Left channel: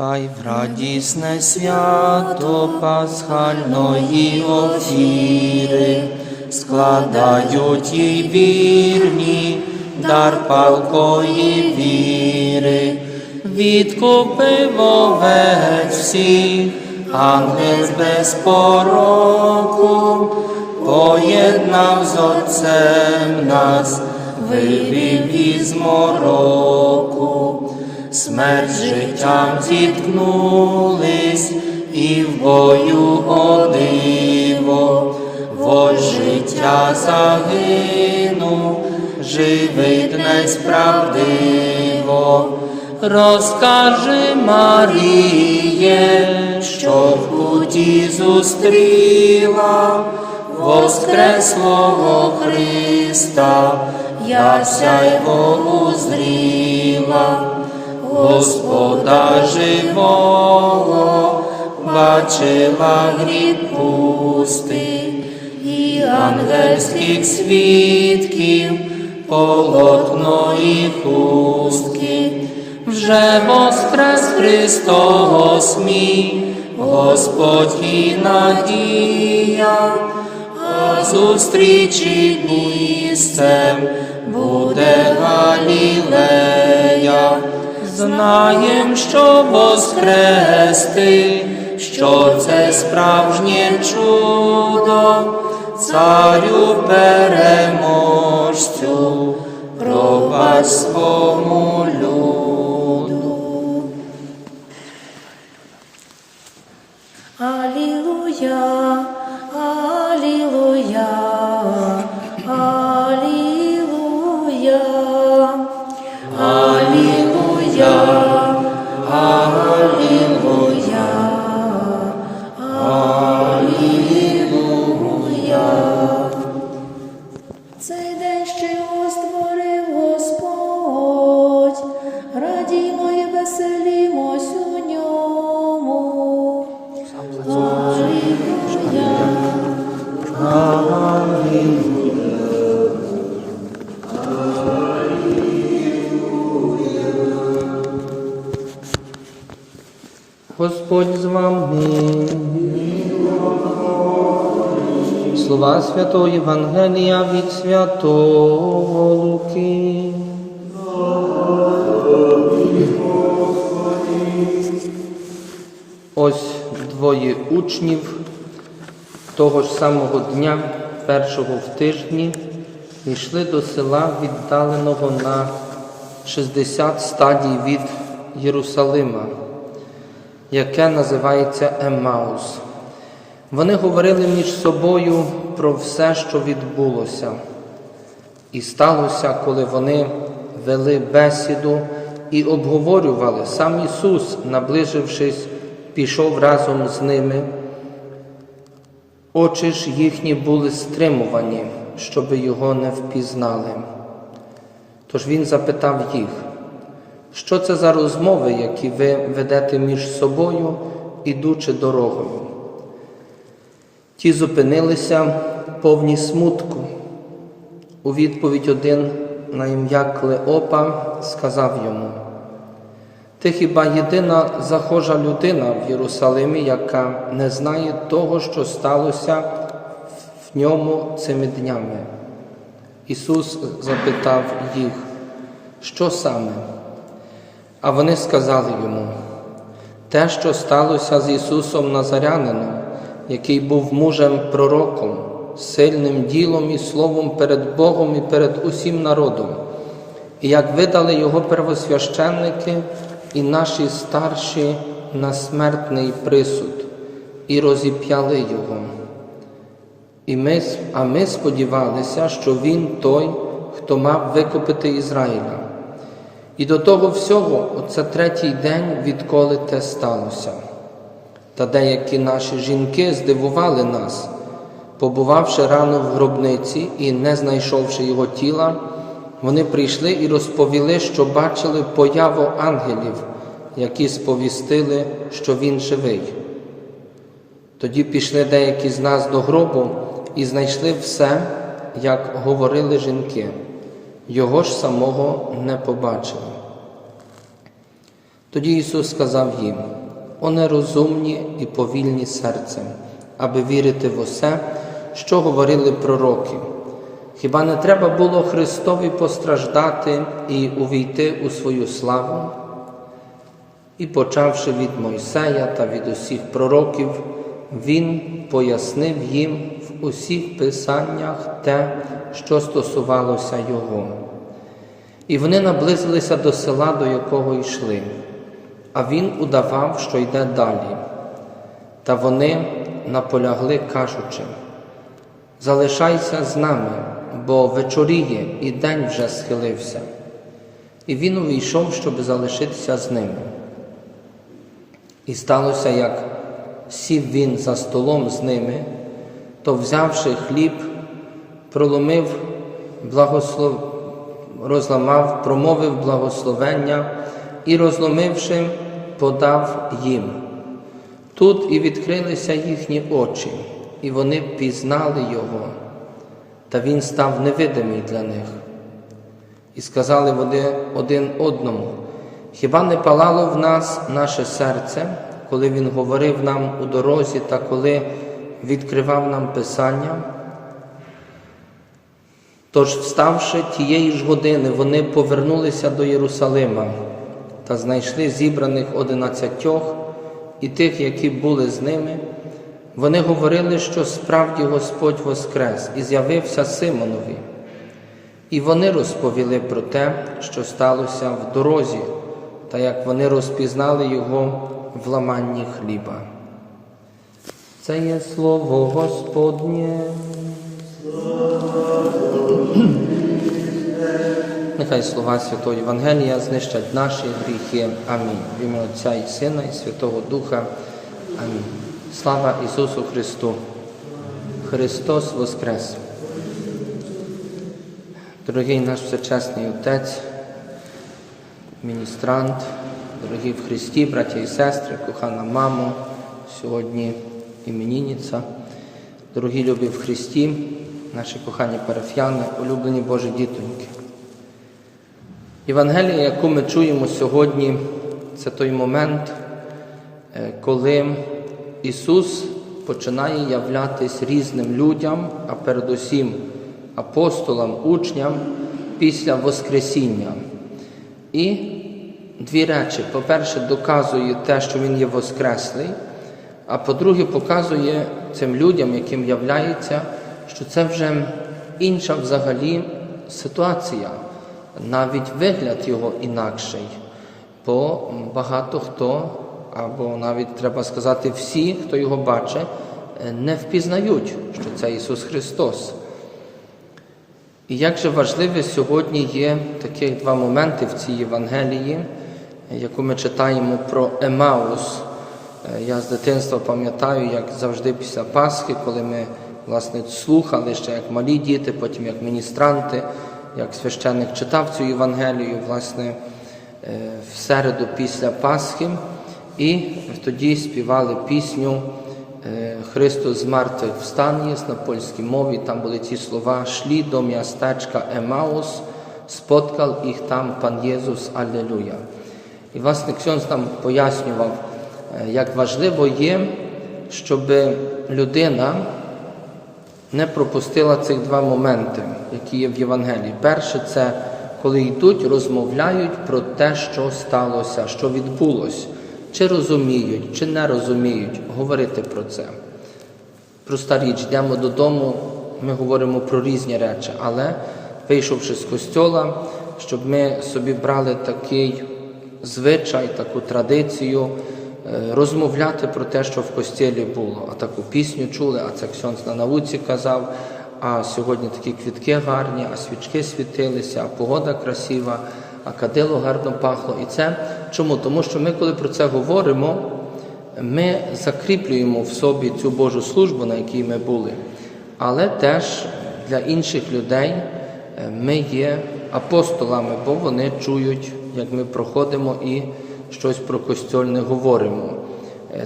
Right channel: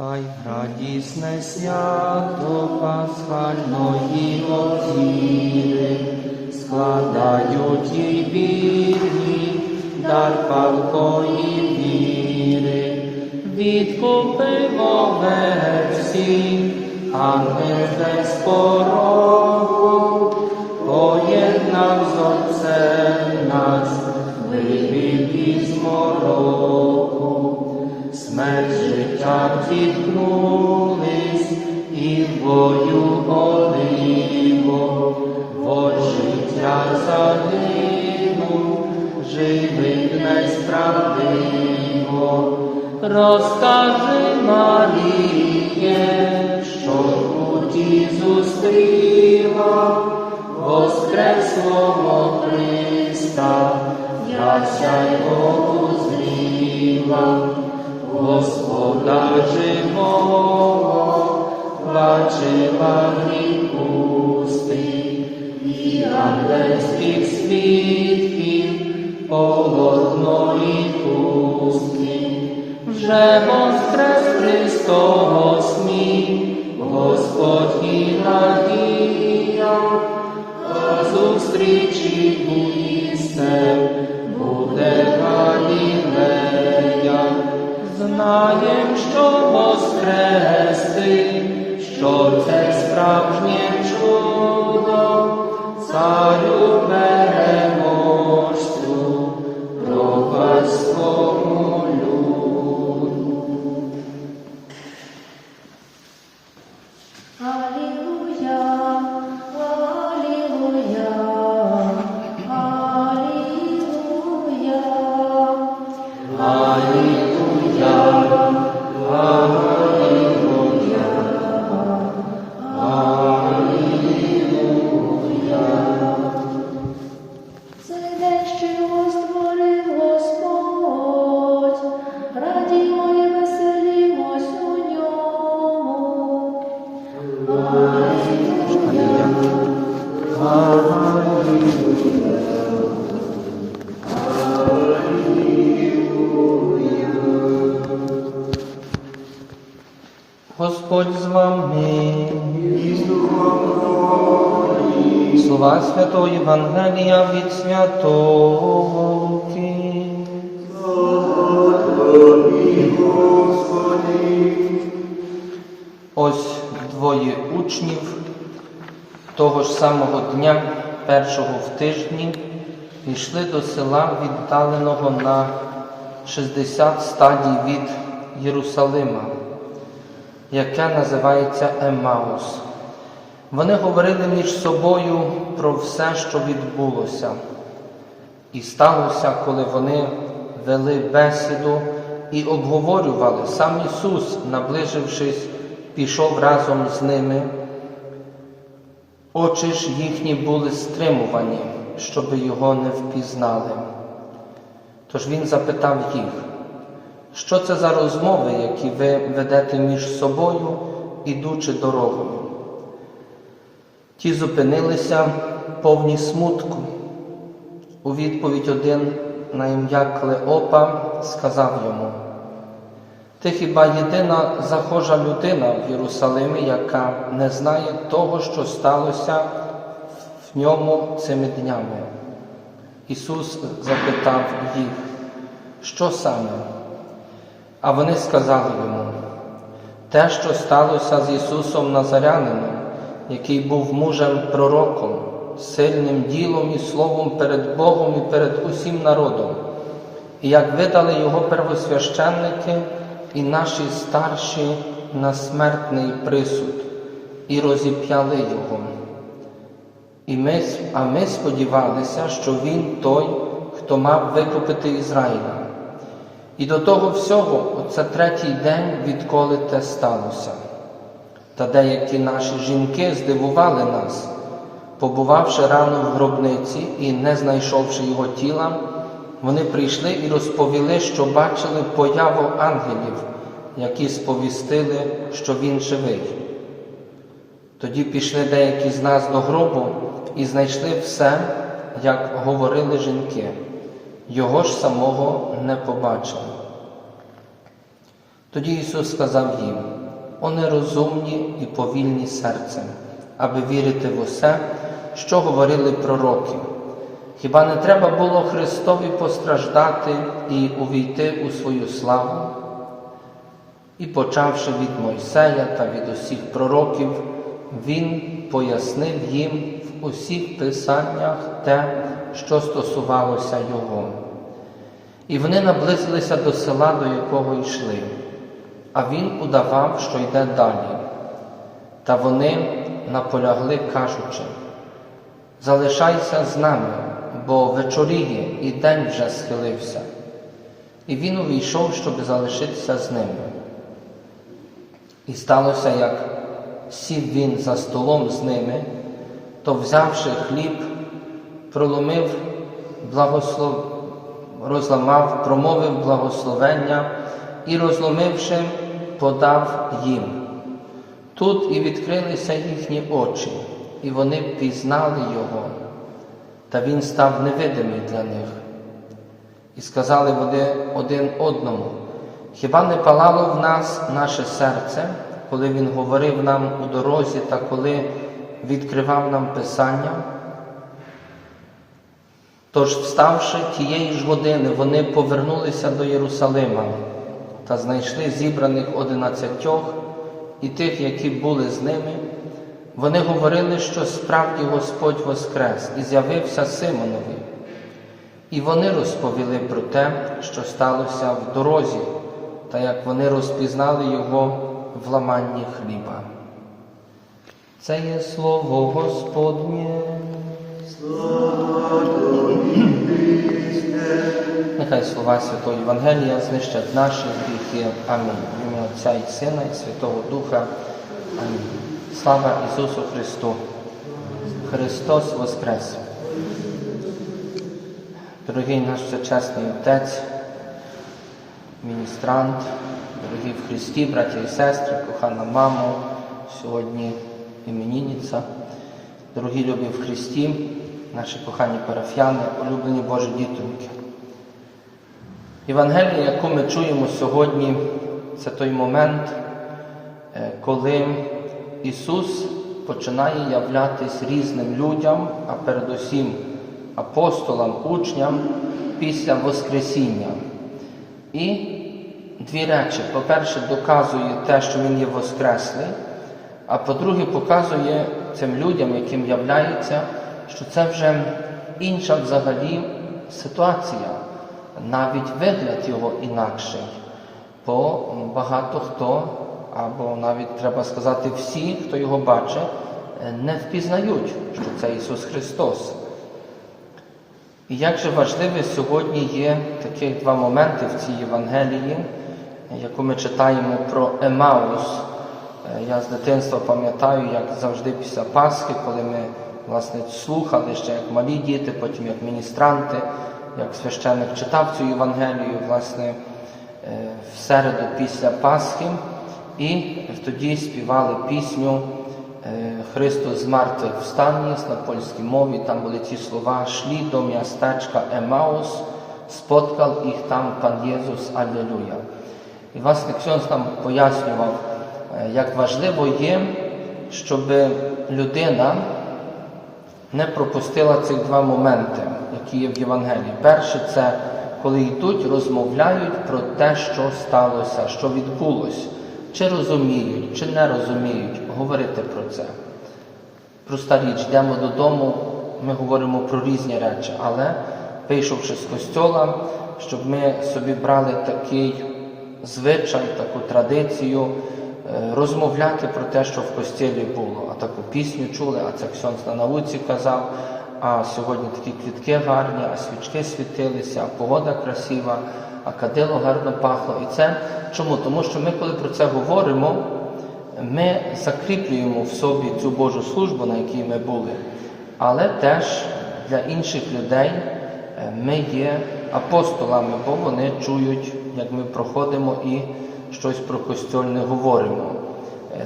Хай радісне свято пасхальної офіри складають їй вірні дар палкої віри, відкупив овець всіх, ангел без пороку, поєднав з Отцем нас, вивів із мороку. Смерть життям зіткнулись і в бою одиво, вож життя загинув, живий днесь правдиво. Розкажи Маріє, що в путі зустріла воскреслого Христа, я сяйво узріла. Господа живого, бачила гріб пустий, і ангельських свідків, полотно і хустки, вже воскрес Христос мій, Господь і надія, а зустрічі місцем буде Знаєм, що воскрести, що це справжнє чудо, царю переможцю, пробач свому Господь з вами. Слова Святого Євангелія від Святого Луки. Ось двоє учнів того ж самого дня, першого в тижні, йшли до села, віддаленого на 60 стадій від Єрусалима, яке називається Емаус. Вони говорили між собою про все, що відбулося. І сталося, коли вони вели бесіду і обговорювали, сам Ісус, наближившись, пішов разом з ними. Очі ж їхні були стримувані, щоби його не впізнали. Тож він запитав їх, що це за розмови, які ви ведете між собою, ідучи дорогою? Ті зупинилися повні смутку. У відповідь один на ім'я Клеопа сказав йому: Ти хіба єдина захожа людина в Єрусалимі, яка не знає того, що сталося в ньому цими днями? Ісус запитав їх, що саме? А вони сказали йому, те, що сталося з Ісусом Назарянином, який був мужем пророком, сильним ділом і словом перед Богом і перед усім народом, і як видали його первосвященники і наші старші на смертний присуд, і розіп'яли його. І ми, а ми сподівалися, що він той, хто мав викупити Ізраїля. І до того всього, оце третій день, відколи те сталося. Та деякі наші жінки здивували нас, побувавши рано в гробниці і не знайшовши його тіла, вони прийшли і розповіли, що бачили появу ангелів, які сповістили, що він живий. Тоді пішли деякі з нас до гробу і знайшли все, як говорили жінки, його ж самого не побачили. Тоді Ісус сказав їм: О нерозумні і повільні серцем, аби вірити в усе, що говорили пророки. Хіба не треба було Христові постраждати і увійти у свою славу? І, почавши від Мойсея та від усіх пророків, він пояснив їм усіх писаннях те, що стосувалося його. І вони наблизилися до села, до якого йшли, а він удавав, що йде далі. Та вони наполягли, кажучи, залишайся з нами, бо вечоріє і день вже схилився. І він увійшов, щоб залишитися з ними. І сталося, як сів він за столом з ними, то, взявши хліб, проломив, благослов... розламав, промовив благословення і, розломивши, подав їм. Тут і відкрилися їхні очі, і вони пізнали його, та він став невидимий для них. І сказали вони один одному, хіба не палало в нас наше серце, коли Він говорив нам у дорозі та коли відкривав нам Писання? Тож, вставши тієї ж години, вони повернулися до Єрусалима та знайшли зібраних одинадцятьох і тих, які були з ними. Вони говорили, що справді Господь воскрес і з'явився Симонові. І вони розповіли про те, що сталося в дорозі, та як вони розпізнали його в ламанні хліба. Це є слово Господнє. Нехай слова Святого Євангелія знищать наші гріхи. Амінь. В ім'я Отця і Сина, і Святого Духа. Амінь. Слава Ісусу Христу! Христос Воскрес! Дорогий наш всечесний Отець, міністрант, дорогі в Христі, браття і сестри, кохана мамо, сьогодні іменінниця, дорогі любі в Христі, наші кохані парафіяни, улюблені Божі дітоньки. Євангелія, яку ми чуємо сьогодні, це той момент, е, коли Ісус починає являтись різним людям, а передусім апостолам, учням після Воскресіння. І дві речі. По-перше, доказує те, що Він є Воскреслий, а по-друге, показує цим людям, яким являється, що це вже інша взагалі ситуація, навіть вигляд його інакший. Бо багато хто, або навіть треба сказати, всі, хто його бачить, не впізнають, що це Ісус Христос. І як же важливе сьогодні є таких два моменти в цій Євангелії, яку ми читаємо про Емаус. Я з дитинства пам'ятаю, як завжди після Пасхи, коли ми власне слухали ще як малі діти, потім як міністранти, як священник читав цю Євангелію, власне, в середу після Пасхи, і тоді співали пісню Христос з мертвих встань на польській мові, там були ці слова «Шлі до містечка Емаус, споткав їх там пан Єсус, Аллилуйя. І власне Ксьонс нам пояснював, як важливо є, щоб людина не пропустила цих два моменти, які є в Євангелії. Перше, це коли йдуть, розмовляють про те, що сталося, що відбулося. Чи розуміють, чи не розуміють, говорити про це. Проста річ, йдемо додому, ми говоримо про різні речі, але вийшовши з костьола, щоб ми собі брали такий звичай, таку традицію, розмовляти про те, що в костілі було. А таку пісню чули, а це Ксьонс на науці казав, а сьогодні такі квітки гарні, а свічки світилися, а погода красива, а кадило гарно пахло. І це чому? Тому що ми, коли про це говоримо, ми закріплюємо в собі цю Божу службу, на якій ми були, але теж для інших людей ми є апостолами, бо вони чують, як ми проходимо і щось про костюльне говоримо.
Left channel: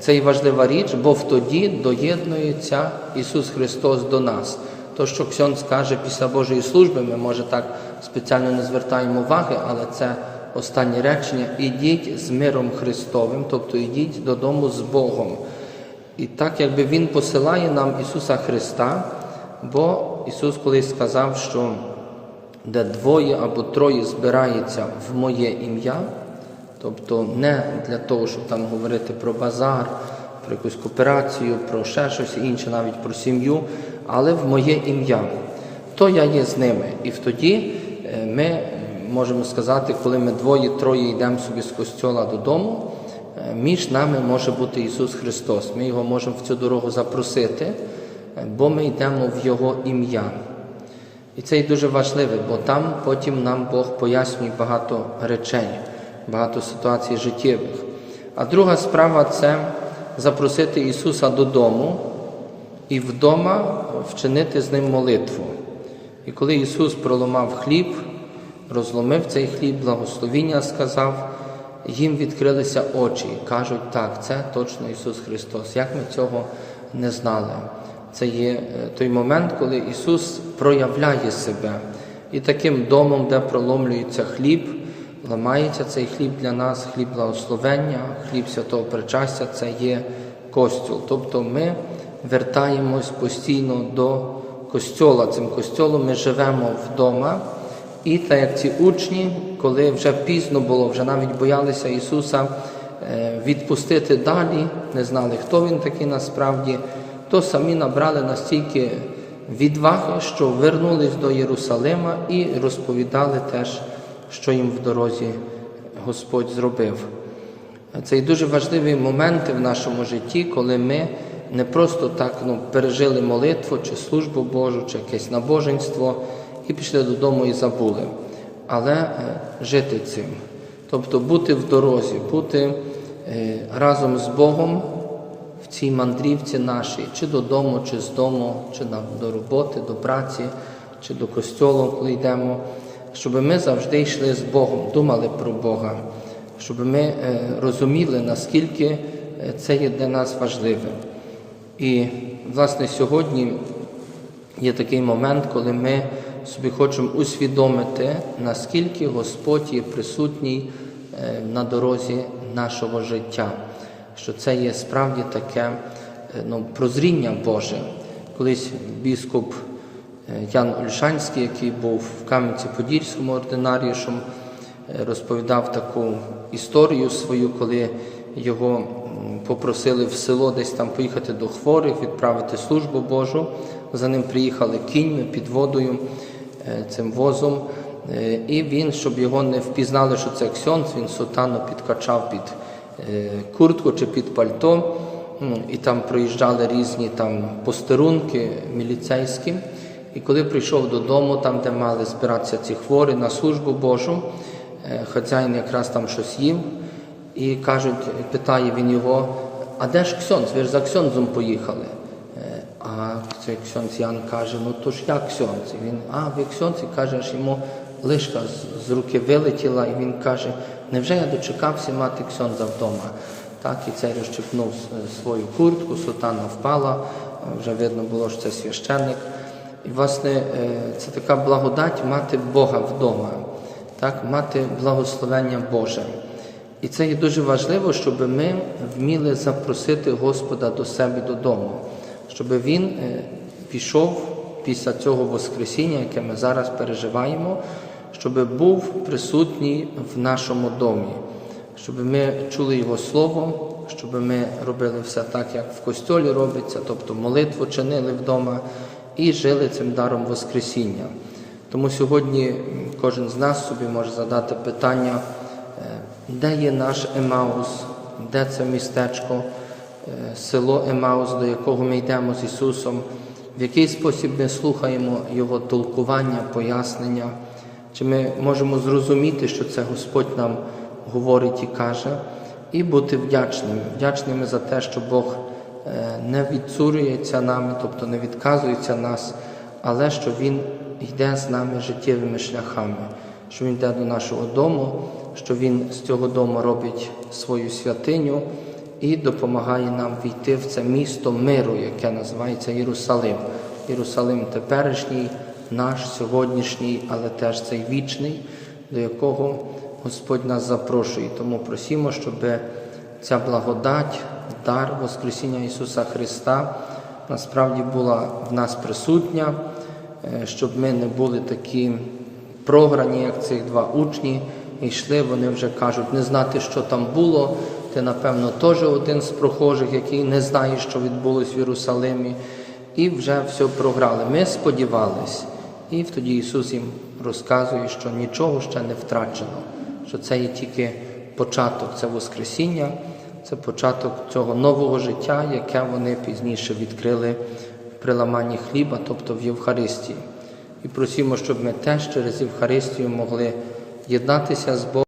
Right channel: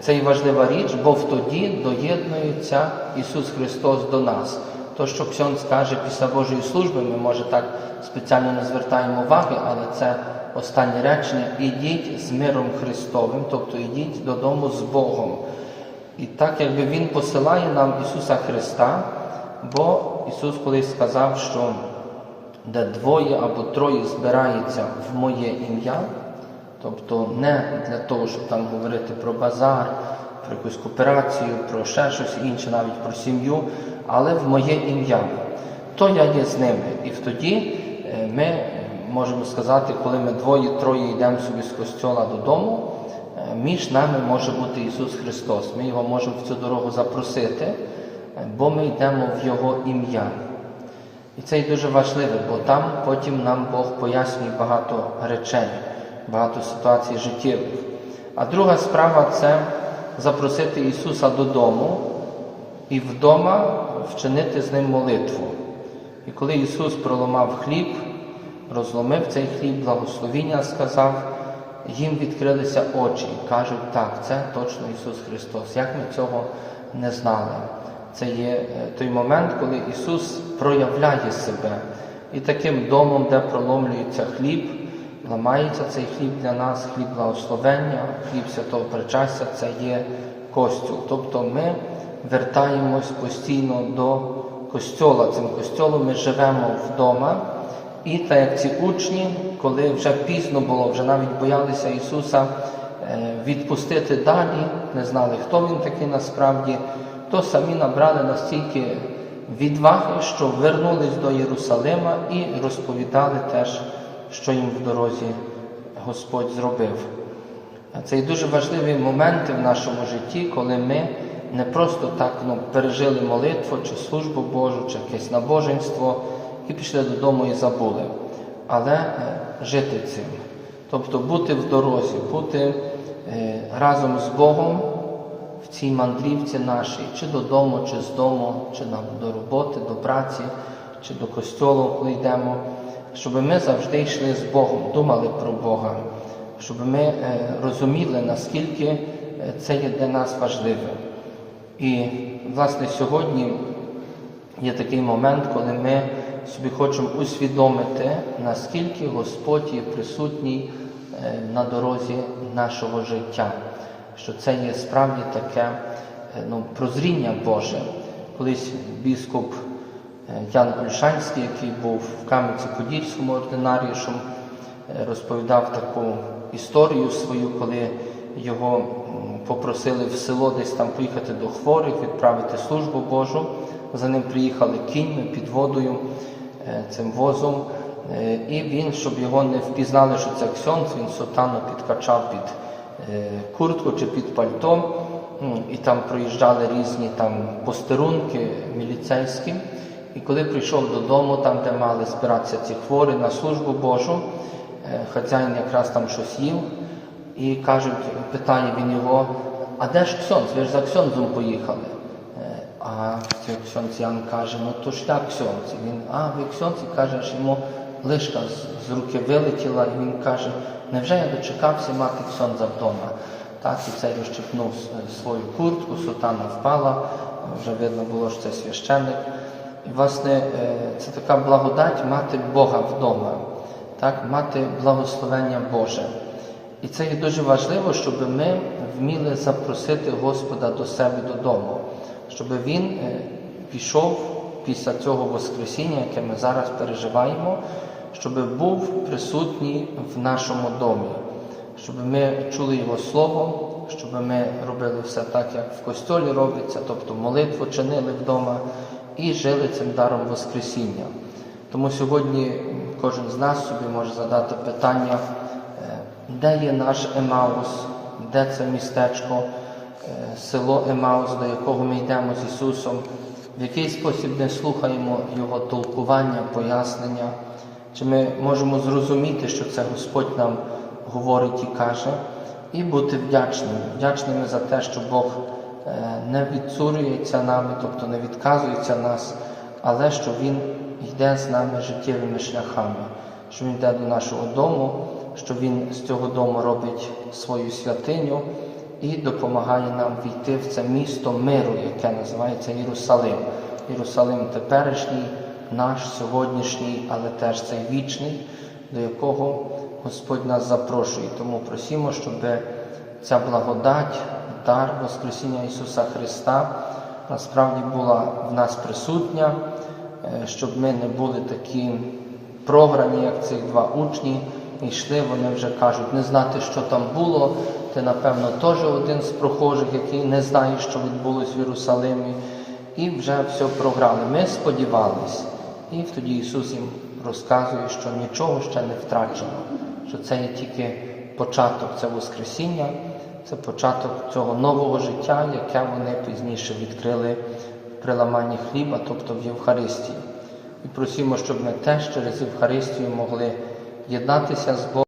Це і важлива річ, бо втоді доєднується Ісус Христос до нас. То, що Ксьон скаже після Божої служби, ми може так спеціально не звертаємо уваги, але це останнє речення, ідіть з миром Христовим, тобто ідіть додому з Богом. І так, якби Він посилає нам Ісуса Христа, бо Ісус колись сказав, що де двоє або троє збирається в моє ім'я, тобто не для того, щоб там говорити про базар, про якусь кооперацію, про ще щось інше, навіть про сім'ю, але в моє ім'я, то я є з ними. І тоді е, ми можемо сказати, коли ми двоє-троє йдемо собі з костьола додому, е, між нами може бути Ісус Христос. Ми його можемо в цю дорогу запросити, е, бо ми йдемо в Його ім'я. І це і дуже важливо, бо там потім нам Бог пояснює багато речей, багато ситуацій життєвих. А друга справа це запросити Ісуса додому і вдома вчинити з ним молитву. І коли Ісус проламав хліб, розломив цей хліб, благословіння сказав, їм відкрилися очі і кажуть, так, це точно Ісус Христос. Як ми цього не знали? Це є е, той момент, коли Ісус проявляє себе. І таким домом, де проломлюється хліб, ламається цей хліб для нас, хліб благословення, хліб святого причастя це є костюл. Тобто ми вертаємось постійно до костьола. Цим костьолом ми живемо вдома. І так як ці учні, коли вже пізно було, вже навіть боялися Ісуса е, відпустити далі, не знали, хто Він такий насправді, то самі набрали настільки відваги, що вернулись до Єрусалима і розповідали теж, що їм в дорозі Господь зробив. Це і дуже важливі моменти в нашому житті, коли ми не просто так ну, пережили молитву чи службу Божу, чи якесь набоженство і пішли додому і забули. Але е, жити цим. Тобто бути в дорозі, бути е, разом з Богом в цій мандрівці нашій, чи додому, чи з дому, чи до роботи, до праці, чи до костьолу, коли йдемо, щоб ми завжди йшли з Богом, думали про Бога, щоб ми е, розуміли, наскільки е, це є для нас важливе. І, власне, сьогодні є такий момент, коли ми собі хочемо усвідомити, наскільки Господь є присутній е, на дорозі нашого життя, що це є справді таке ну, прозріння Боже. Колись біскуп Ян Ольшанський, який був в Кам'янці-Подільському ординаріушем, е, розповідав таку історію свою, коли його попросили в село десь там поїхати до хворих, відправити службу Божу. За ним приїхали кіньми під водою е, цим возом. Е, І він, щоб його не впізнали, що це ксьонц, він сутану підкачав під е, куртку чи під пальто. І там проїжджали різні там постерунки міліцейські. І коли прийшов додому, там, де мали збиратися ці хворі на службу Божу, е, хазяїн якраз там щось їв, і кажуть, питає він його, а де ж ксьонц? Ви ж за ксьонзом поїхали. Е, А цей ксьонц Ян каже, ну то ж я ксьонц. Він, а ви ксьонц? І каже, аж йому лишка з- руки вилетіла, і він каже, невже я дочекався мати ксьонза вдома? Так, і цей розчепнув свою куртку, сутана впала, вже видно було, що це священник. Власне, е, це така благодать мати Бога вдома, так, мати благословення Боже. І це є дуже важливо, щоб ми вміли запросити Господа до себе додому, щоб Він е, пішов після цього Воскресіння, яке ми зараз переживаємо, щоб був присутній в нашому домі, щоб ми чули Його Слово, щоб ми робили все так, як в костьолі робиться, тобто молитву чинили вдома і жили цим даром Воскресіння. Тому сьогодні кожен з нас собі може задати питання, е, де є наш Емаус, де це містечко, е, село Емаус, до якого ми йдемо з Ісусом, в який спосіб ми слухаємо Його толкування, пояснення, чи ми можемо зрозуміти, що це Господь нам говорить і каже, і бути вдячними, вдячними за те, що Бог не відцурюється нами, тобто не відказується нас, але що Він йде з нами життєвими шляхами, що Він йде до нашого дому, що Він з цього дому робить свою святиню і допомагає нам війти в це місто миру, яке називається Єрусалим. Єрусалим теперішній, наш сьогоднішній, але теж цей вічний, до якого Господь нас запрошує. Тому просимо, щоб ця благодать, дар Воскресіння Ісуса Христа насправді була в нас присутня, е, щоб ми не були такі програні, як цих два учні. Йшли, вони вже кажуть, не знати, що там було. Ти, напевно, теж один з прохожих, який не знає, що відбулось в Єрусалимі, і вже все програли. Ми сподівались. І тоді Ісус їм розказує, що нічого ще не втрачено, що це є тільки початок, це Воскресіння, це початок цього нового життя, яке вони пізніше відкрили в приламанні хліба, тобто в Євхаристії. І просимо, щоб ми теж через Євхаристію могли єднатися з Богом.